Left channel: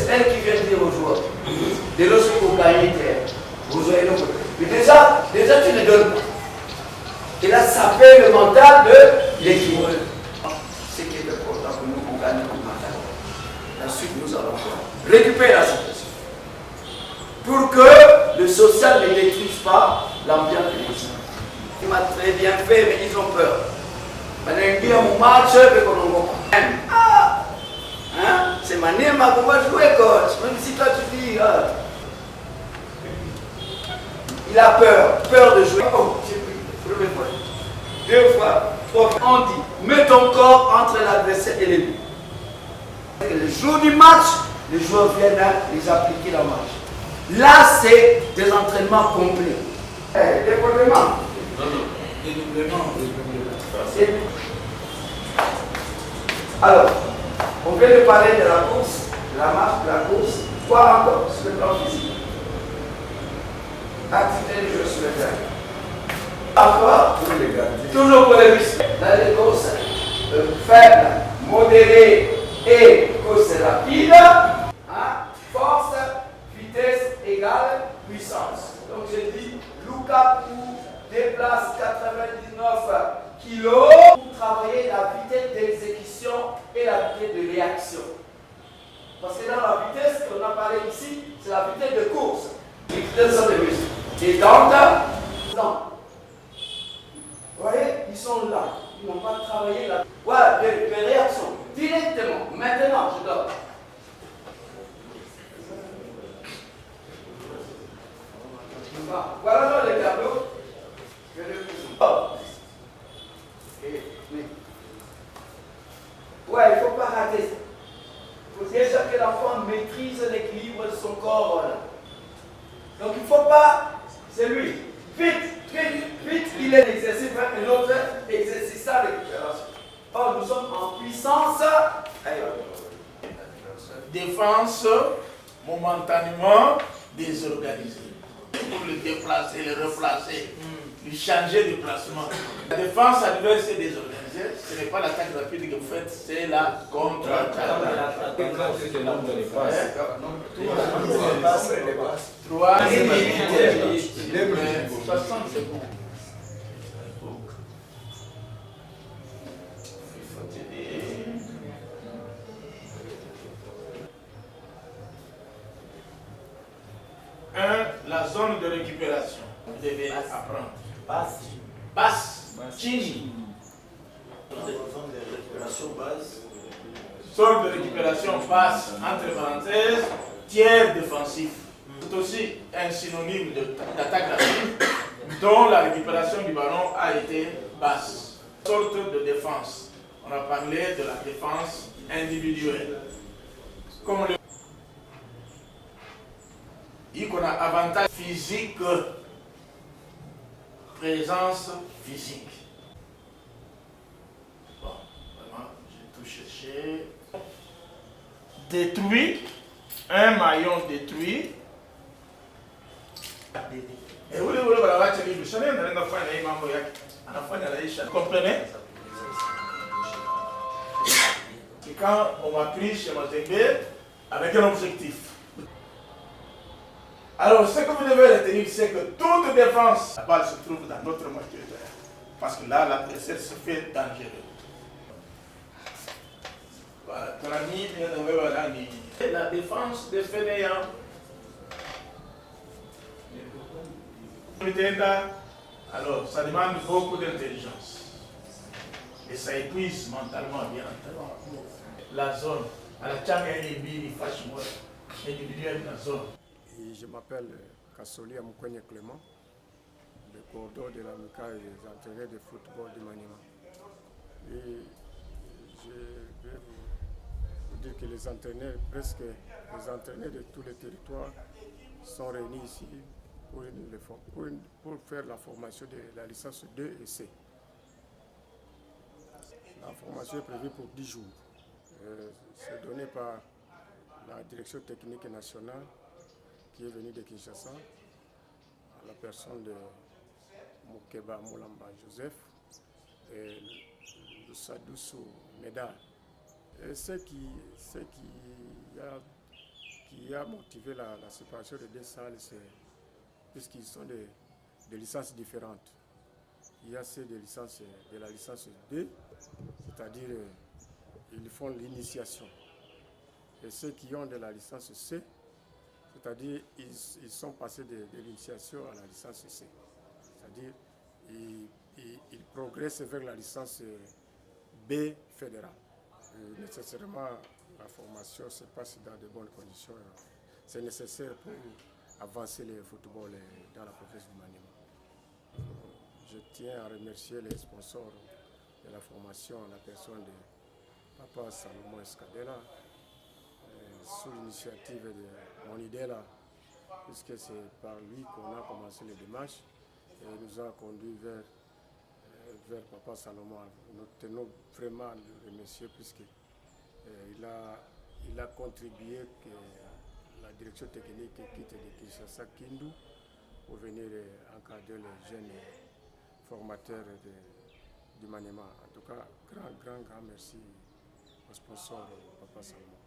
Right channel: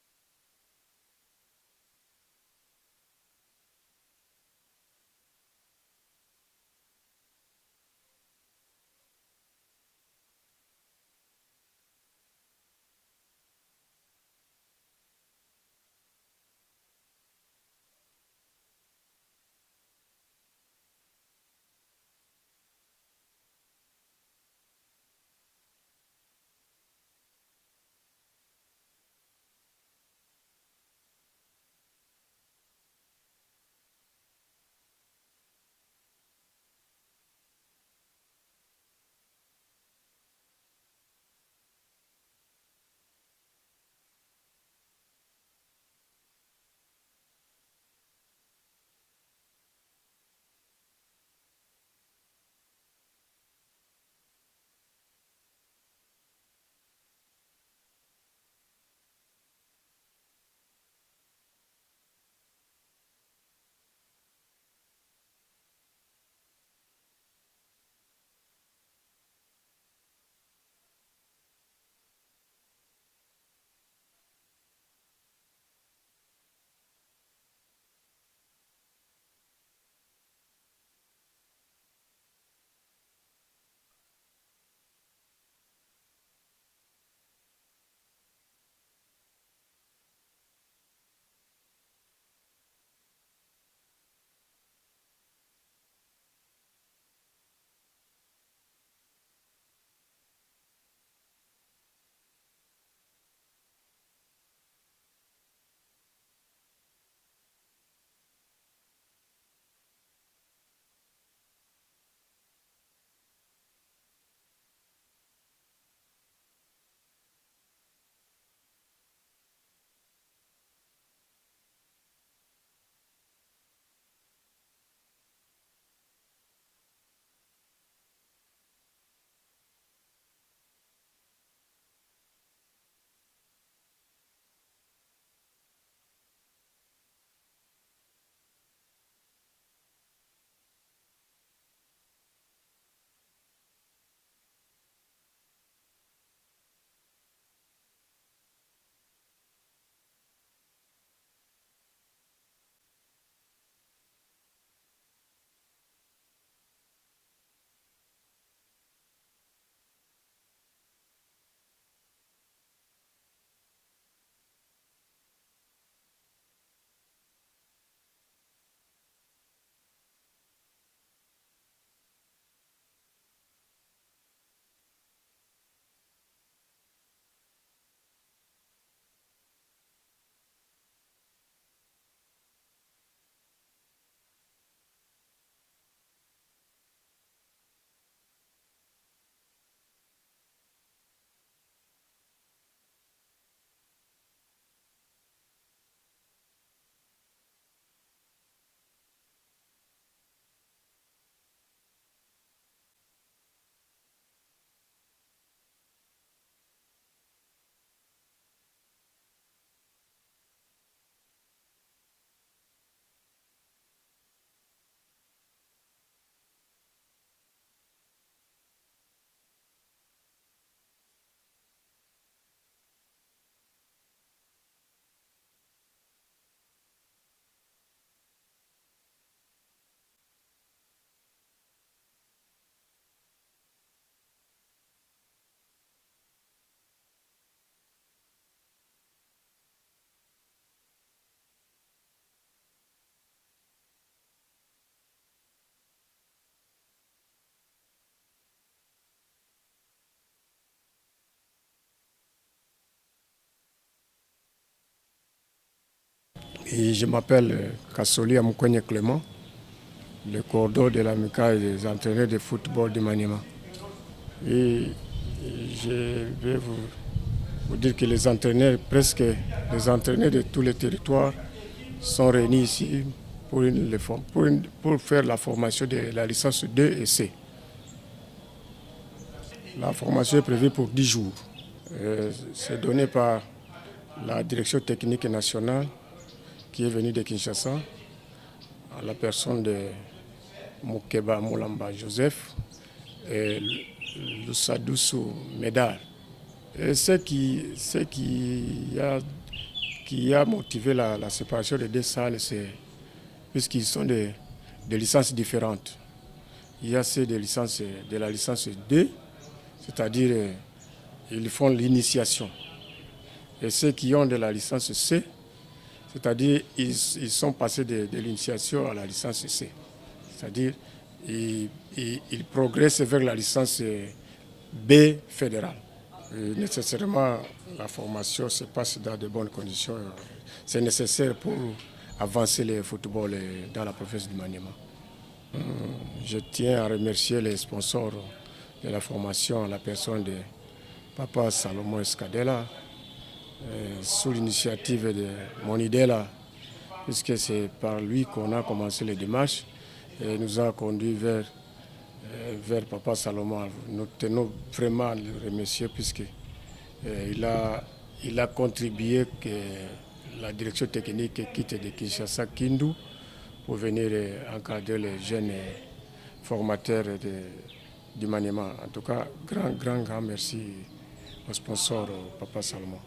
C'est elle qui vient dire aux joueurs. Dès lors que vous gagnez, vous aurez le côté. Mais déjà, tu ne donnes pas. Et là, ça fait le mental de l'équipe. Ce qui est important pour nous, on gagne le mental. Ensuite, nous allons récupérer la situation. Pour que le social ne détruise pas l'ambiance de l'équipe. Il m'a très bien fait, mais ils ont peur. Maintenant, il dit à mon match, c'est Maniema qu'on va jouer, coach. Même si toi tu dis, il a peur de jouer. Oh, j'ai pris, première fois, 2 fois, 3 fois. On dit, mets ton corps entre l'adversaire et l'ennemi. Le jour du match, les joueurs viennent les appliquer dans le match. Là, c'est des entraînements complets. Développement. Alors, on vient de parler de la course, de la marche, de la course. Quoi encore sur le plan physique? Activité du jeu sur le terrain. Encore, toujours pour les muscles. Dans les courses faibles, modérées et courses rapides, force, vitesse égale puissance. Donc j'ai dit, Lukaku déplace 99 kilos pour travailler la vitesse d'exécution et la vitesse de réaction. Parce que dans la vitesse qu'on a parlé ici, c'est la vitesse de course. Les vitesses sont des muscles. Et donc, vous voyez, ils sont là. Ils n'ont pas travaillé la des réactions directement. Maintenant, je donne. Voilà les tableaux. Ouais, il ne faut pas rater. Il faut déjà que l'enfant maîtrise l'équilibre de son corps. Voilà. Donc il ne faut pas, c'est lui. Vite, il est l'exercice et l'autre exercice à récupération. Or, nous sommes en puissance. Défense momentanément désorganisée. Pour le déplacer, le replacer, lui changer de placement. La défense adverse est désorganisée. Ce n'est pas l'attaque rapide que vous faites, c'est la contre-attaque. 3 60 secondes. La zone de récupération. Vous devez apprendre. Basse. Chini. Zone de récupération basse. Zone de récupération basse, entre parenthèses, tiers défensif. C'est aussi un synonyme d'attaque rapide dont la récupération du ballon a été basse. Sorte de défense. On a parlé de la défense individuelle. Comme le qu'on a avantage physique, présence physique. Bon, vraiment, j'ai tout cherché. Détruit, un maillon détruit. Et vous comprenez? C'est quand on m'a pris chez Mazembe avec un objectif. Alors, ce que vous devez retenir, c'est que toute défense, la balle se trouve dans notre moitié de terrain. Parce que là, l'adversaire se fait dangereux. Voilà, ton ami vient de la défense de Fainéant. Alors, ça demande beaucoup d'intelligence. Et ça épuise mentalement, bien entendu. La zone, à la Tchanga et les fâche-moi, individuelle la zone. Et je m'appelle Kassoli Amoukogne Clément, le coordonnateur de l'amicale des entraîneurs de football de Maniema. Et je vais vous dire que les entraîneurs, presque les entraîneurs de tous les territoires sont réunis ici pour faire la formation de la licence 2 et C. La formation est prévue pour 10 jours. C'est donné par la direction technique nationale qui est venue de Kinshasa, à la personne de Moukeba Moulamba Joseph et Lusadoussou Médard. Et ce qui a qui a motivé la séparation des deux salles, c'est puisqu'ils sont des licences différentes. Il y a ceux de la licence 2, c'est-à-dire ils font l'initiation. Et ceux qui ont de la licence C, c'est-à-dire ils sont passés de l'initiation à la licence C. C'est-à-dire ils progressent vers la licence B fédérale. Et nécessairement, la formation se passe dans de bonnes conditions. C'est nécessaire pour avancer le football dans la province du Maniema. Je tiens à remercier les sponsors de la formation, la personne de Papa Salomon Escadela, sous l'initiative de Monidela, puisque c'est par lui qu'on a commencé les démarches et nous a conduit vers Papa Salomon. Nous tenons vraiment à le remercier puisqu'il a contribué que la direction technique quitte de Kinshasa Kindu pour venir encadrer les jeunes formateurs du Maniema. En tout cas, grand merci au sponsor Papa Salomon.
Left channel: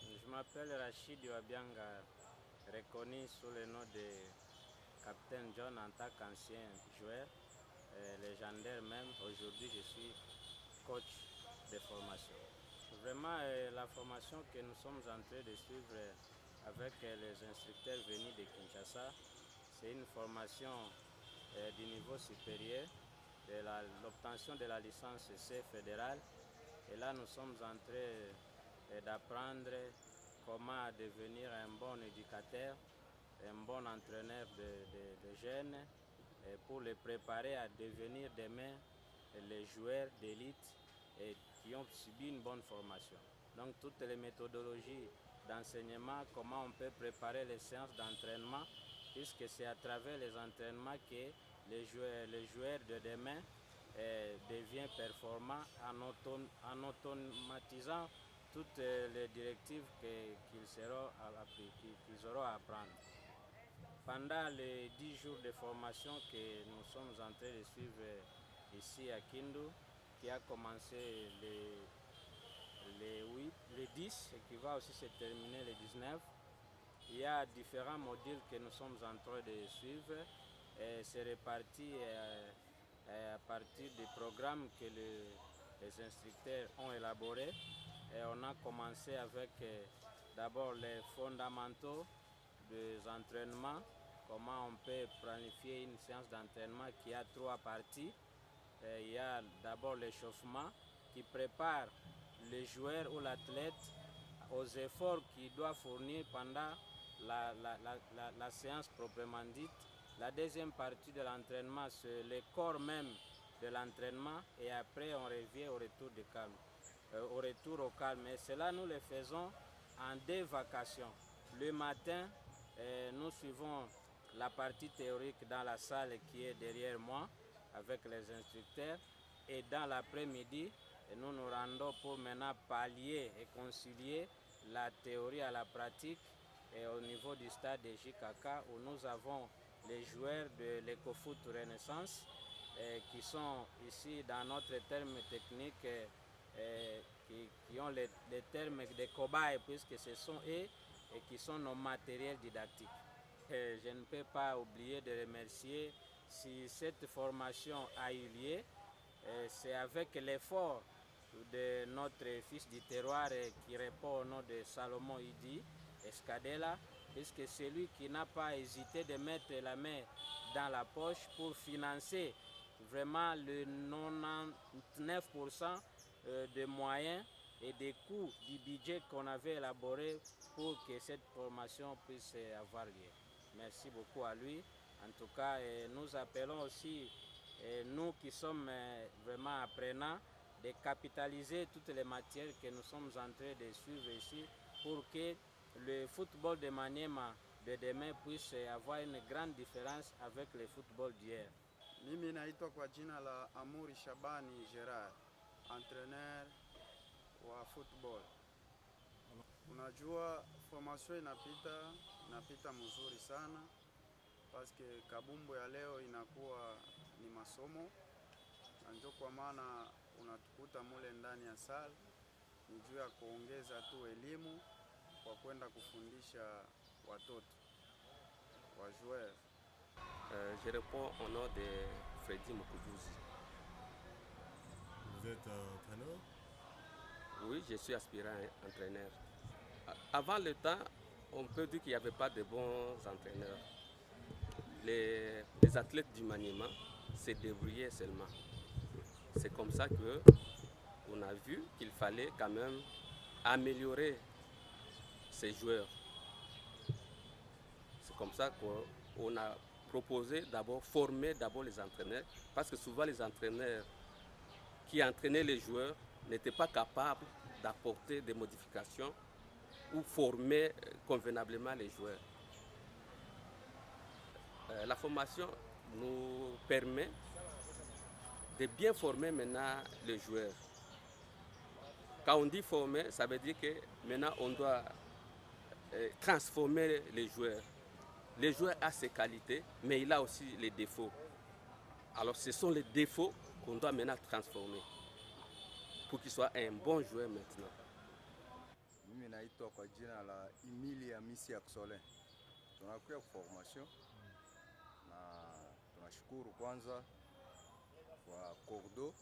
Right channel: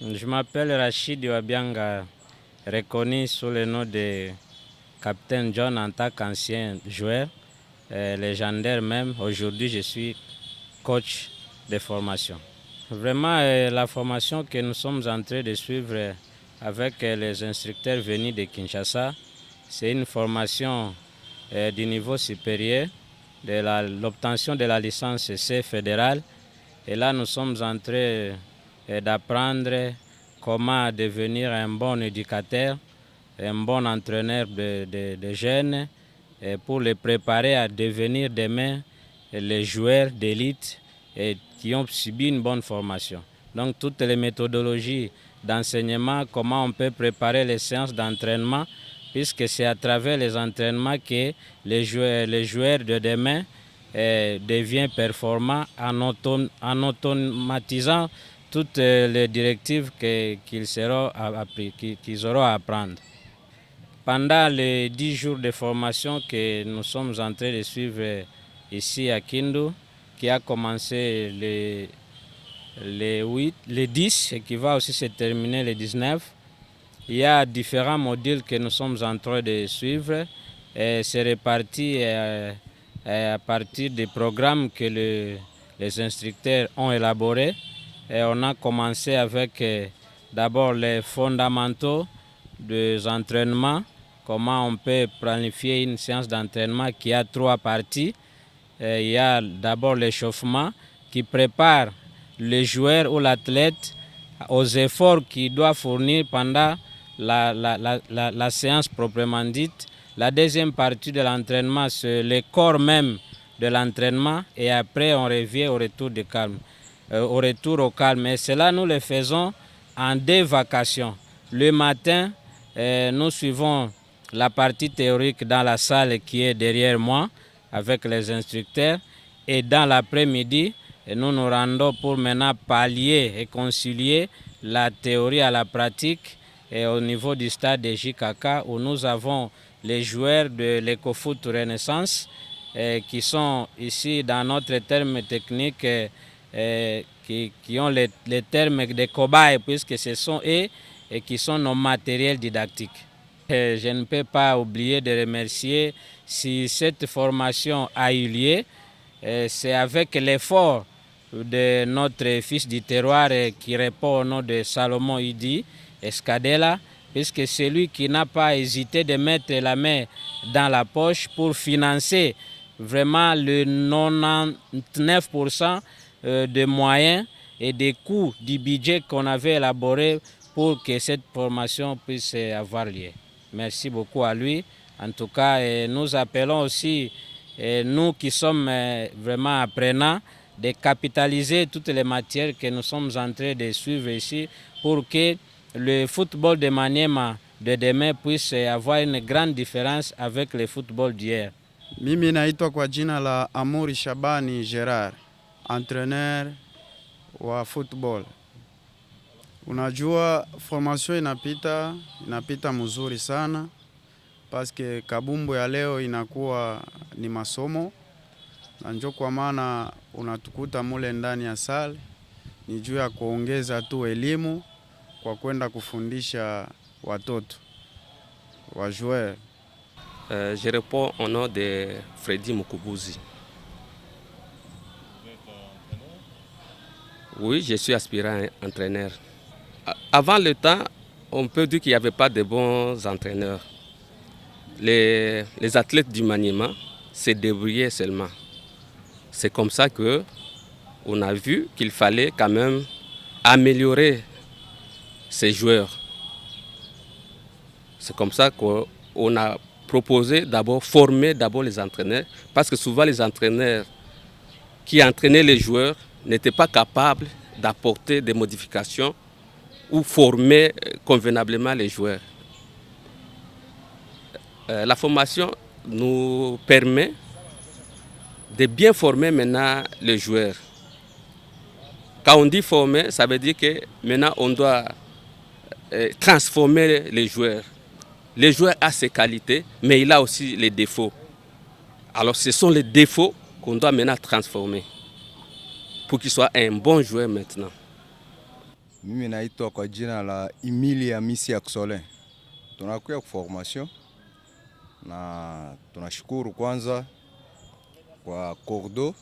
Je m'appelle Rachid Wabianga, reconnu sous le nom de Capitaine John en tant qu'ancien joueur, légendaire même. Aujourd'hui, je suis coach de formation. Vraiment, la formation que nous sommes en train de suivre avec les instructeurs venus de Kinshasa, c'est une formation du niveau supérieur, de l'obtention de la licence C fédérale. Et là, nous sommes en train d'apprendre comment devenir un bon éducateur, un bon entraîneur de jeunes, pour les préparer à devenir demain les joueurs d'élite qui ont subi une bonne formation. Donc toutes les méthodologies d'enseignement, comment on peut préparer les séances d'entraînement, puisque c'est à travers les entraînements que les joueurs de demain deviennent performants en automatisant toutes les directives qu'ils auront à apprendre. Pendant les 10 jours de formation que nous sommes en train de suivre ici à Kindu, qui a commencé le 10 et qui va aussi se terminer le 19, il y a différents modules que nous sommes en train de suivre. C'est réparti à partir des programmes que les instructeurs ont élaborés. Et on a commencé avec d'abord les fondamentaux des entraînements, comment on peut planifier une séance d'entraînement qui a 3 parties. Il y a d'abord l'échauffement qui prépare le joueur ou l'athlète aux efforts qu'il doit fournir pendant la séance proprement dite. La deuxième partie de l'entraînement, c'est le corps même de l'entraînement et après on revient au retour au calme. Et cela, nous le faisons en 2 vacations. Le matin, nous suivons la partie théorique dans la salle qui est derrière moi avec les instructeurs. Et dans l'après-midi, nous nous rendons pour maintenant pallier et concilier la théorie à la pratique et au niveau du stade de JKK où nous avons les joueurs de l'EcoFoot Renaissance qui sont ici dans notre terme technique qui ont les termes de cobayes puisque ce sont eux et qui sont nos matériels didactiques. Je ne peux pas oublier de remercier si cette formation a eu lieu. C'est avec l'effort de notre fils du terroir qui répond au nom de Salomon Idi Escadela, puisque c'est lui qui n'a pas hésité de mettre la main dans la poche pour financer vraiment le 99% des moyens et des coûts du budget qu'on avait élaboré pour que cette formation puisse avoir lieu. Merci beaucoup à lui. En tout cas, nous appelons aussi, nous qui sommes vraiment apprenants, de capitaliser toutes les matières que nous sommes en train de suivre ici pour que le football de Maniema de demain puisse avoir une grande différence avec le football d'hier. Mimi naitwa kwa jina la Amuri Shabani Gerard, entraîneur wa football. Unajua formation inapita mzuri sana paske kabumbu ya leo inakuwa ni masomo na njo kwa maana unatukuta mule ndani ya sale ni juu ya kuongeza tu elimu kwa kwenda kufundisha watoto wa joueur. Je réponds au nom de Freddy Mukubuzi. Oui, je suis aspirant entraîneur. Avant le temps, on peut dire qu'il n'y avait pas de bons entraîneurs. Les athlètes du maniement se débrouillaient seulement. C'est comme ça qu'on a vu qu'il fallait quand même améliorer ces joueurs. C'est comme ça qu'on a proposé d'abord former les entraîneurs, parce que souvent les entraîneurs qui entraînaient les joueurs n'étaient pas capables d'apporter des modifications ou former convenablement les joueurs. La formation nous permet de bien former maintenant les joueurs. Quand on dit former, ça veut dire que maintenant on doit transformer les joueurs. Le joueur a ses qualités, mais il a aussi les défauts. Alors ce sont les défauts qu'on doit maintenant transformer pour qu'il soit un bon joueur maintenant. Mimi naitwa kwa jina la Emily Hamisi Aksole. Tunakuja formation na tunashukuru kwanza kwa Cordo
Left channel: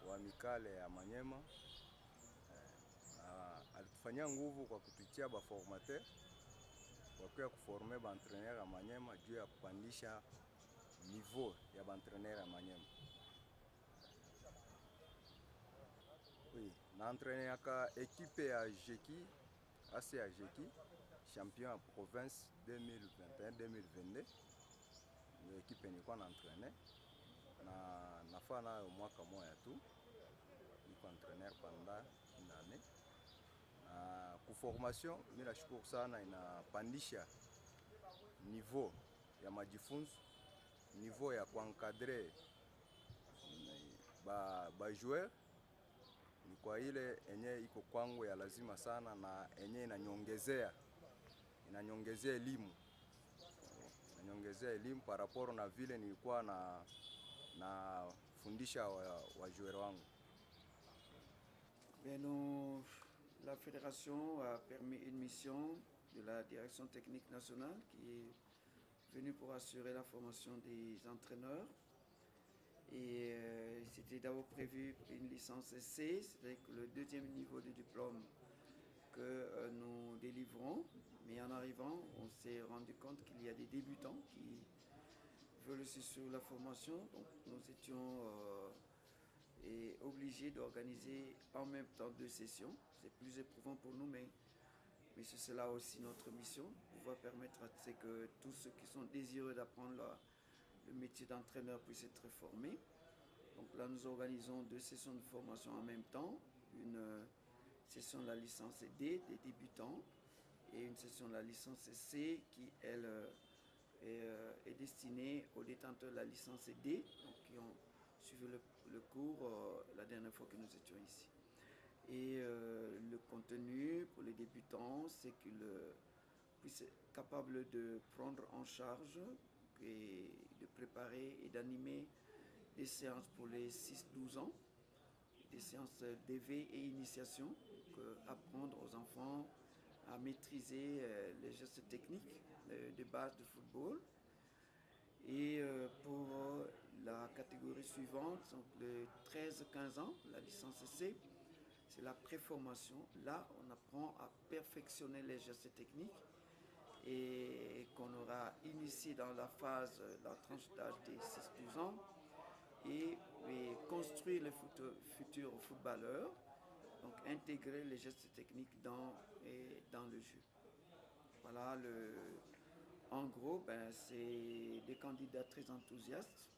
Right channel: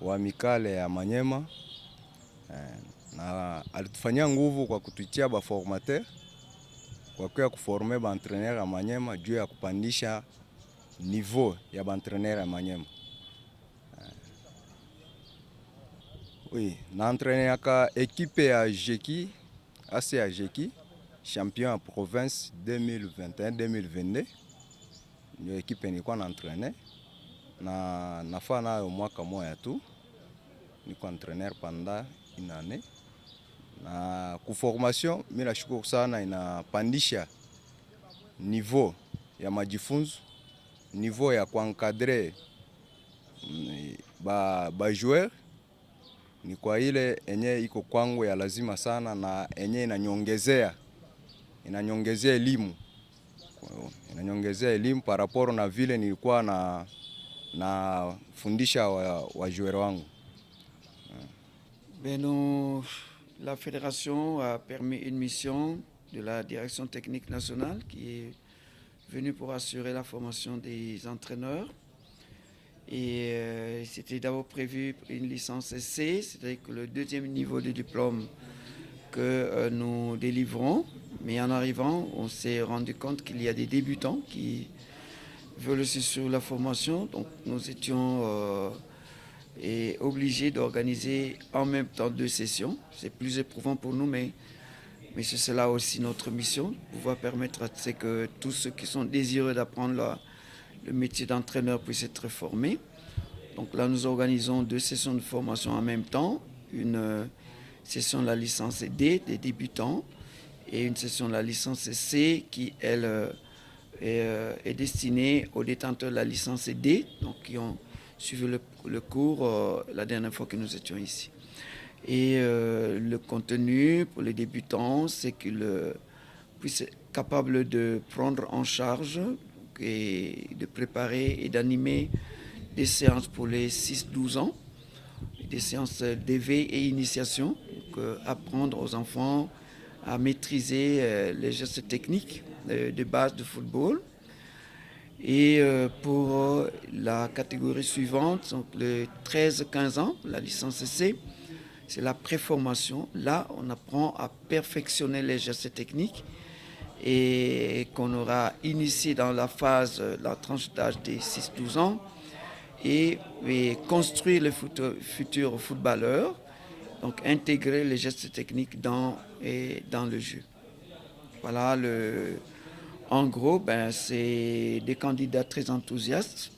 wa Mikale ya Manyema na alitufanyia nguvu kwa kutuitia ba formateur kwa kuya kuformer ba entraîneur ya Manyema juu ya kupandisha niveau ya ba entraîneur ya Manyema. Oui, na entraîné aka équipe ya Jeki, ACA Jeki, champion en province 2021-2022. Ndio ekipe nilikuwa na entraîner na nafaa nayo mwaka moja tu. Niko entraîneur pendant une année. Na ku formation mimi nashukuru sana, inapandisha niveau ya majifunzo, niveau ya kuencadrer ba joueur. Ni kwa ile enye iko kwangu ya lazima sana na enye inanyongezea elimu. Inanyongezea elimu par rapport na vile nilikuwa na fundisha wa joueur wangu. La fédération a permis une mission de la direction technique nationale qui est venue pour assurer la formation des entraîneurs. Et c'était d'abord prévu une licence C, c'est-à-dire que le deuxième niveau de diplôme que nous délivrons. Mais en arrivant, on s'est rendu compte qu'il y a des débutants qui veulent aussi suivre la formation. Donc nous étions obligés d'organiser en même temps 2 sessions. C'est plus éprouvant pour nous, mais c'est cela aussi notre mission, pouvoir permettre à ce que tous ceux qui sont désireux d'apprendre le métier d'entraîneur puisse être formé. Donc là, nous organisons 2 sessions de formation en même temps. Une session de la licence D des débutants et une session de la licence C qui, elle, est destinée aux détenteurs de la licence D, donc qui ont suivi le cours la dernière fois que nous étions ici. Et le contenu pour les débutants, c'est qu'ils puissent être capables de prendre en charge et de préparer et d'animer des séances pour les 6-12 ans, des séances d'éveil et initiation, donc apprendre aux enfants à maîtriser les gestes techniques de base de football. Et pour la catégorie suivante, donc les 13-15 ans, la licence C, c'est la préformation. Là, on apprend à perfectionner les gestes techniques et qu'on aura initié dans la phase, la tranche d'âge des 6-12 ans et construire les futurs footballeurs, donc intégrer les gestes techniques dans le jeu. Voilà, en gros, c'est des candidats très enthousiastes.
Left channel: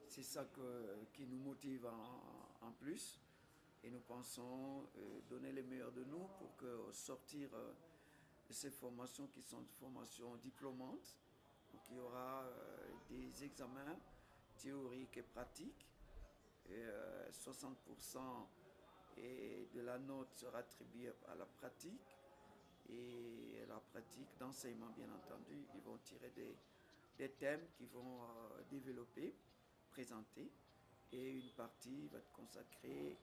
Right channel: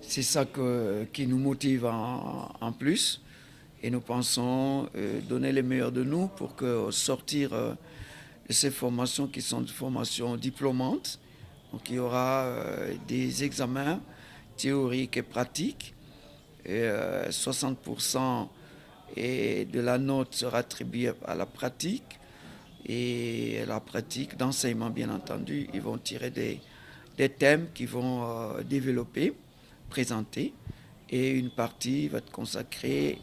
C'est ça qui nous motive en plus et nous pensons donner le meilleur de nous pour sortir de ces formations qui sont des formations diplômantes. Donc il y aura des examens théoriques et pratiques. Et 60% de la note sera attribuée à la pratique. Et la pratique d'enseignement, bien entendu, ils vont tirer des thèmes qu'ils vont développer, présenter. Et une partie va être consacrée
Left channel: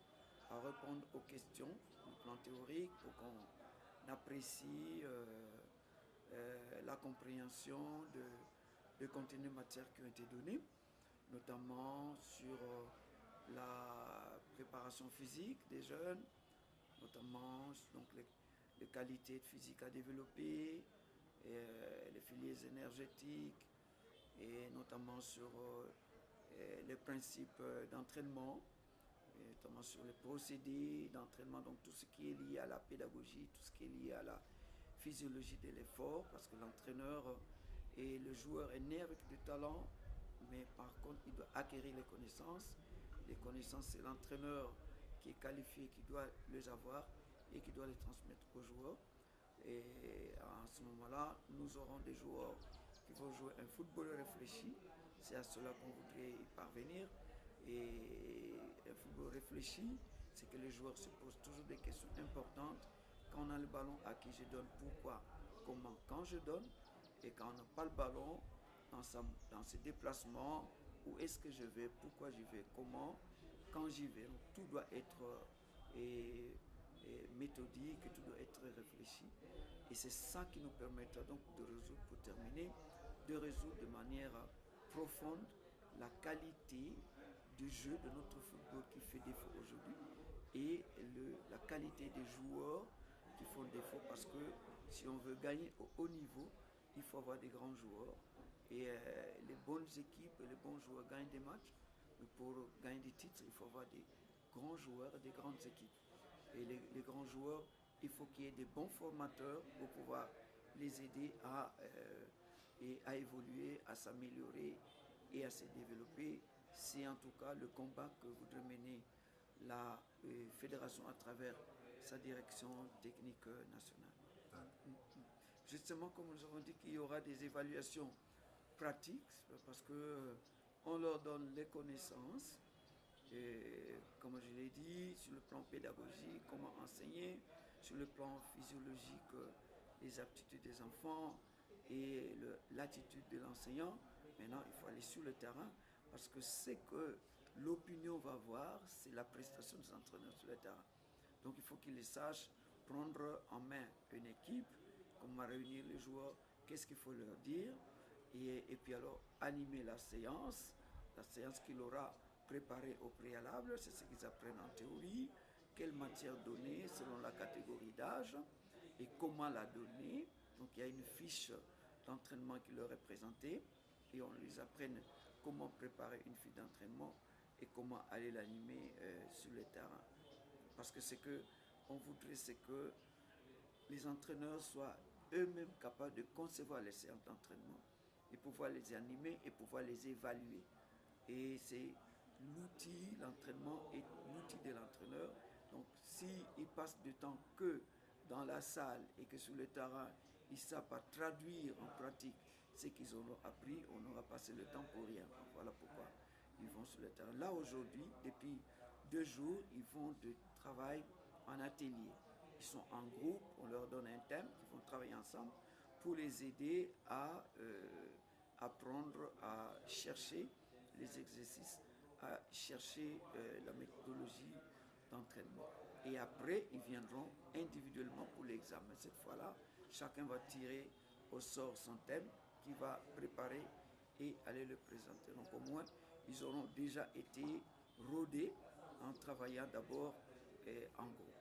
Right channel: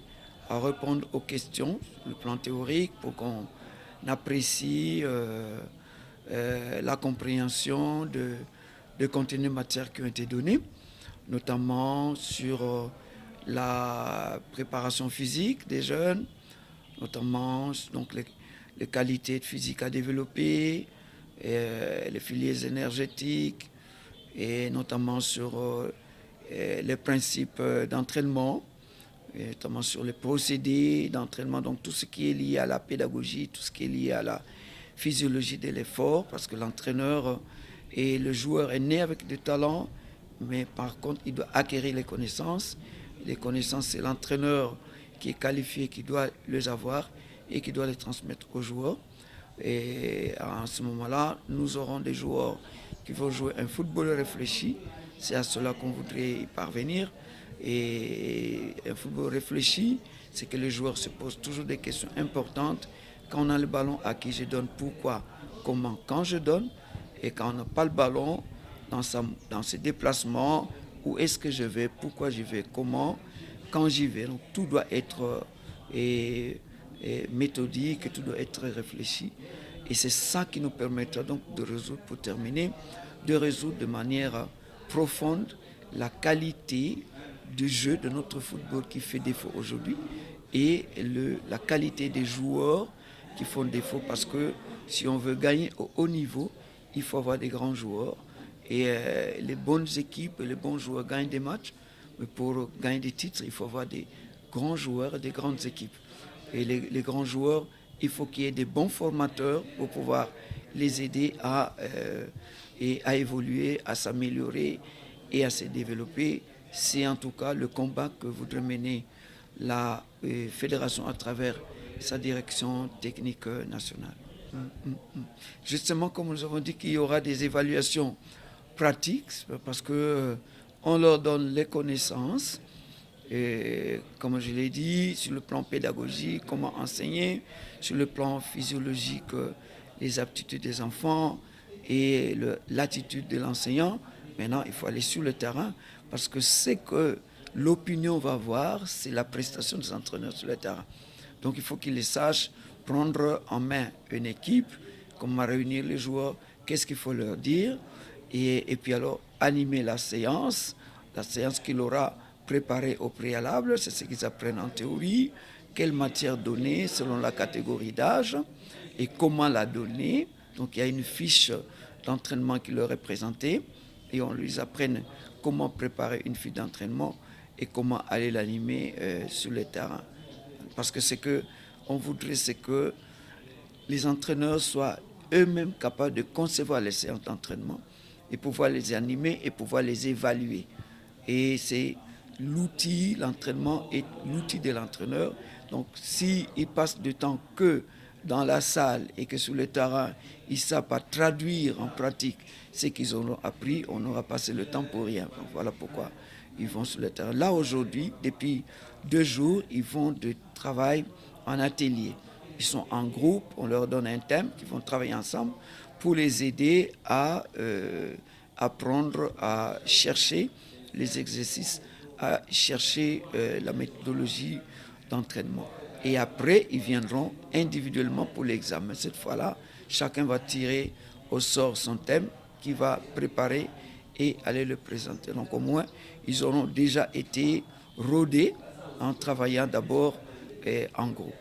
à répondre aux questions sur le plan théorique pour qu'on apprécie la compréhension de contenus matières qui ont été donnés, notamment sur la préparation physique des jeunes, notamment donc les qualités physiques à développer, les filières énergétiques, et notamment sur les principes d'entraînement, et notamment sur les procédés d'entraînement, donc tout ce qui est lié à la pédagogie, tout ce qui est lié à la physiologie de l'effort, parce que l'entraîneur et le joueur est né avec des talents, mais par contre, il doit acquérir les connaissances. Les connaissances, c'est l'entraîneur qui est qualifié, qui doit les avoir et qui doit les transmettre aux joueurs. Et à ce moment-là, nous aurons des joueurs qui vont jouer un football réfléchi. C'est à cela qu'on voudrait y parvenir. Et un football réfléchi, c'est que les joueurs se posent toujours des questions importantes. Quand on a le ballon, à qui je donne, pourquoi, comment, quand je donne. Et quand on n'a pas le ballon, dans ses déplacements, où est-ce que je vais, pourquoi j'y vais, comment, quand j'y vais. Donc tout doit être méthodique, tout doit être réfléchi. Et c'est ça qui nous permettra donc de résoudre, pour terminer, de résoudre de manière profonde la qualité du jeu de notre football qui fait défaut aujourd'hui et la qualité des joueurs qui font défaut, parce que si on veut gagner au haut niveau, il faut avoir des grands joueurs. Et les bonnes équipes, les bons joueurs gagnent des matchs, mais pour gagner des titres, il faut avoir des grands joueurs et des grandes équipes. Et les grands joueurs, il faut qu'il y ait des bons formateurs pour pouvoir les aider à évoluer, à s'améliorer et à se développer. C'est en tout cas le combat que voudrait mener la fédération à travers sa direction technique nationale. Justement, comme nous avons dit qu'il y aura des évaluations pratiques, parce qu'on leur donne les connaissances, et comme je l'ai dit, sur le plan pédagogique, comment enseigner, sur le plan physiologique, les aptitudes des enfants et l'attitude de l'enseignant. Maintenant, il faut aller sur le terrain, parce que ce que l'opinion va voir, c'est la prestation des entraîneurs sur le terrain. Donc il faut qu'ils les sachent prendre en main une équipe, comment réunir les joueurs, qu'est-ce qu'il faut leur dire, et puis alors animer la séance qu'il aura préparée au préalable, c'est ce qu'ils apprennent en théorie, quelle matière donner selon la catégorie d'âge et comment la donner. Donc il y a une fiche d'entraînement qui leur est présentée et on lui apprend comment préparer une fiche d'entraînement et comment aller l'animer sur le terrain. Parce que ce qu'on voudrait, c'est que les entraîneurs soient eux-mêmes capables de concevoir les séances d'entraînement et pouvoir les animer et pouvoir les évaluer. Et c'est l'outil, l'entraînement est l'outil de l'entraîneur. Donc s'ils passent du temps que dans la salle et que sur le terrain, ils ne savent pas traduire en pratique ce qu'ils auront appris, on aura passé le temps pour rien. Donc voilà pourquoi ils vont sur le terrain. Là, aujourd'hui, depuis 2 jours, ils vont de travail en atelier. Ils sont en groupe, on leur donne un thème, ils vont travailler ensemble pour les aider à apprendre à chercher les exercices, à chercher la méthodologie d'entraînement. Et après, ils viendront individuellement pour l'examen. Cette fois-là, chacun va tirer au sort son thème qu'il va préparer et aller le présenter. Donc au moins, ils auront déjà été rodés en travaillant d'abord en groupe.